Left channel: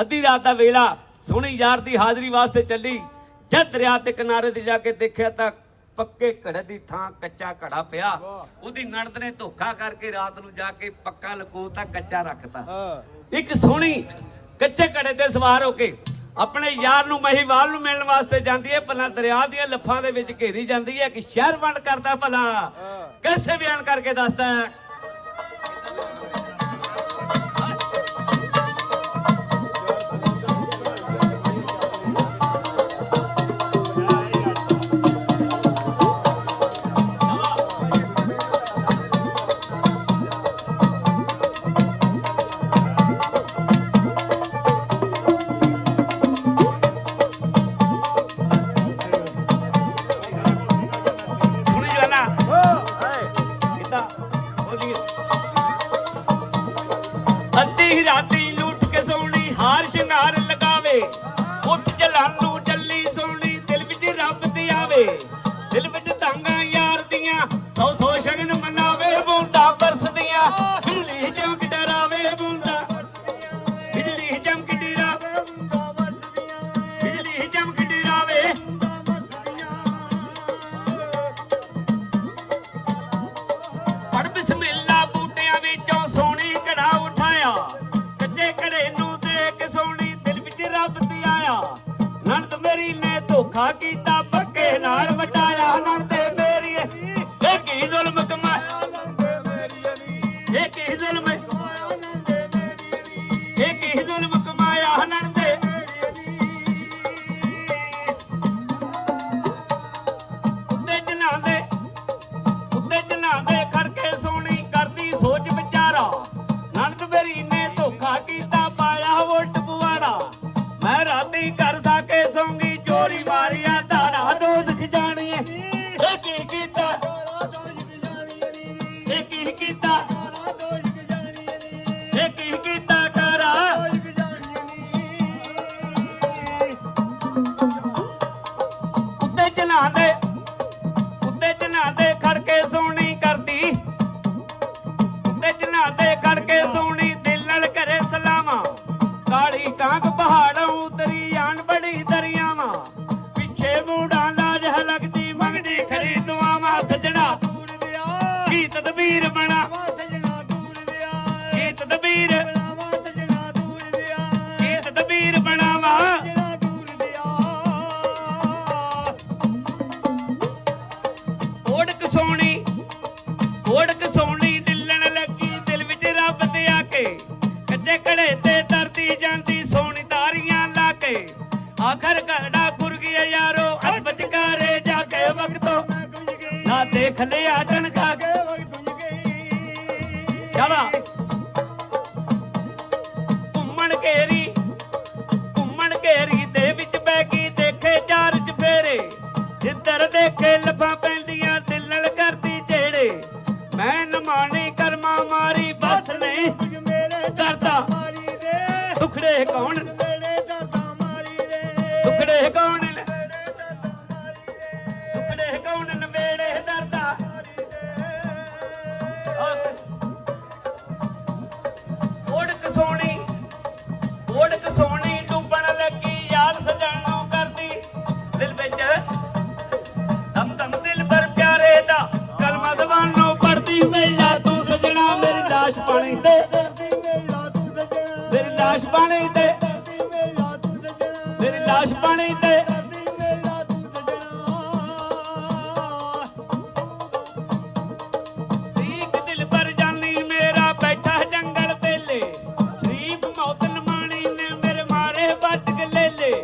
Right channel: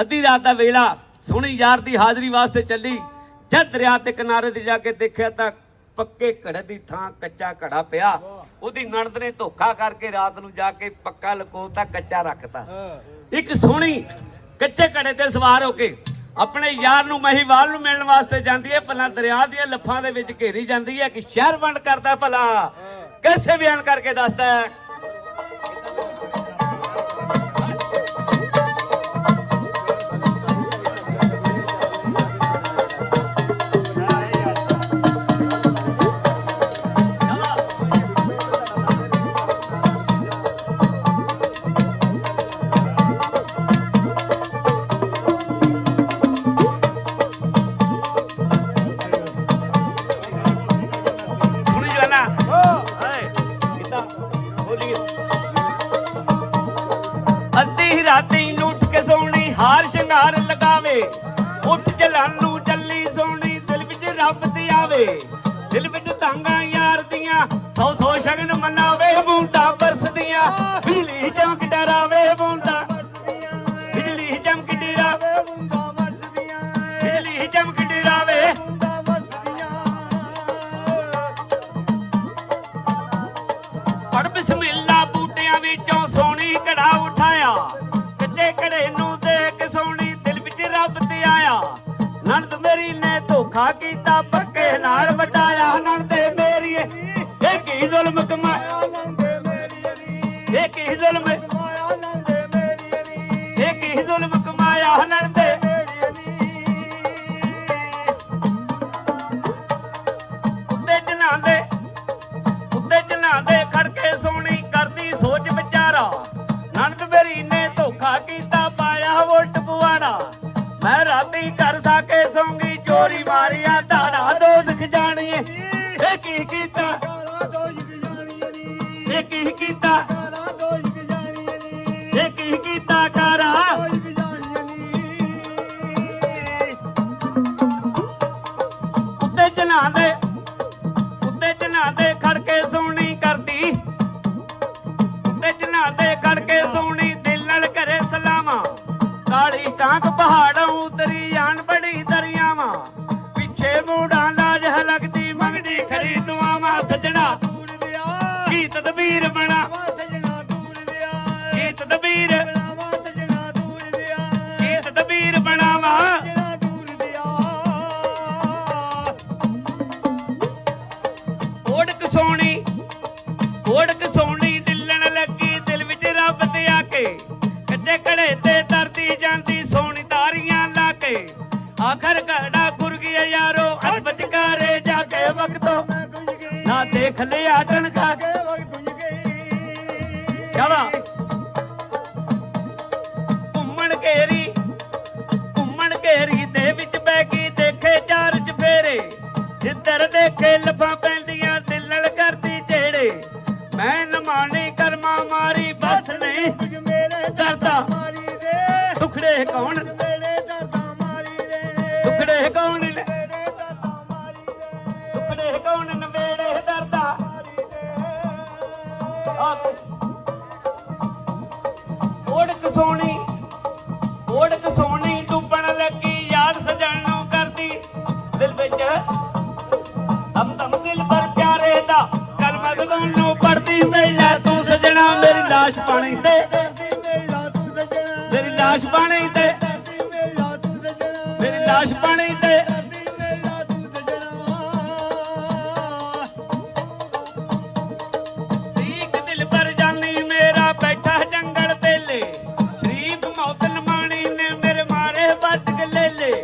ਅੱਧੀ ਰਾਤ ਦਾ ਵੇਲਾ ਸੋਹਣੀ ਯਾਰ ਦੀ ਹਾਜ਼ਰੀ ਵਾਸਤੇ ਚੱਲੀ। ਜਦ ਦਰਿਆ ਤੇ ਕਿਨਾਰੇ ਤੇ ਜਾ ਕੇ ਦੇਖਿਆ ਤਾਂ ਪੱਕੇ ਘੜੇ ਦੀ ਥਾਂ ਕੱਚਾ ਘੜਾ ਪਿਆ। ਉਹਦੀ ਨਣਦ ਨੇ ਧੋਖਾ ਕਰਕੇ ਰਾਤ ਨੂੰ ਜਾ ਕੇ ਪੱਕਾ ਲਕੋਤਾ, ਕੱਚਾ ਰੱਖਤਾ। ਇੱਕ ਸੋਹਣੀ ਕੱਚੇ ਘੜੇ ਤੇ ਸਵਾਰ ਹੋ ਕੇ ਆਪਣੇ ਯਾਰ ਨੂੰ ਮਹੀਵਾਲ ਨੂੰ ਮਿਲਣ ਵਾਸਤੇ ਜਾਂਦੀ ਹੈ। ਭਲਾ ਦਰਿਆ ਦੀਆਂ ਲੱਫਾਂ ਦੇ ਵਿੱਚ ਘੇਰੀ ਜਾਂਦੀ ਹੈ ਕਿ ਸ਼ਹਿਰ ਵੰਡ ਕਰਦਾ ਭਲਾ कैसे ਬਿਆਨ ਕਰਕੇ ਦੱਸਦਾ ਹੈ। दिल विच तांगा यार दियां सौ सौ शगन मनावे बूंदा बरसदियां बिजली चमक डरावे बूंदा बिजली चमक डरावे बूंदा बरसदियां बिजली चमक डरावे बूंदा बरसदियां पढ़ बिस्मिल्लाह बूटियां विचों सोहनी घड़ा उठाया कच्चे घड़े नूं देख सोहनी दिल विच रब ते आया नंद मेरी ने धोखा कीता पक्के नाल वटाया जुल्म कमाया एक ही जुल्म नंदे उत्ते जनांदे खड़के सोहनी करदी सोच विचारा नंद मेरी ने धोखा कीता पाया वोट पुआरा मैं राती कर साके सोंगी चोरी मारिया धाड़ा दोज़ख जानी एक ही कीता कारा उत्ते जनांदे खड़के सोहनी करदी उत्ते जनांदे खड़के सोहनी दिल नाल करे सलामा काली कांक पहाड़ों उतरी आन बड़ी दरियावां पिछे मूड़ा लाज लगदी मंगदी खरी दुआवां सजना की तदबीर बना आखिर घड़ा खुर गया यारो अज बचकारे जाके वक्तों ना देख लिया टनका के घुम्मण घेरी दे विच बैगी देखे चार चफेरे जिधर देखे लफा पैंदियां दिल नाल करदी जेड़े मैं नमानी कर्मा मारी बस नहीं करदा दुखड़े कौन नवेड़े दरदा ओढ़क सोहनी डुबण लगी यार सजण नूं करदी दिल विच दम दिल पर प्यारे दा कलमा जुबान नूं पढ़दी मेला तू सजना मेरी लाश पानी ते मेरी लाश पानी ते मेरी लाश पानी ते ले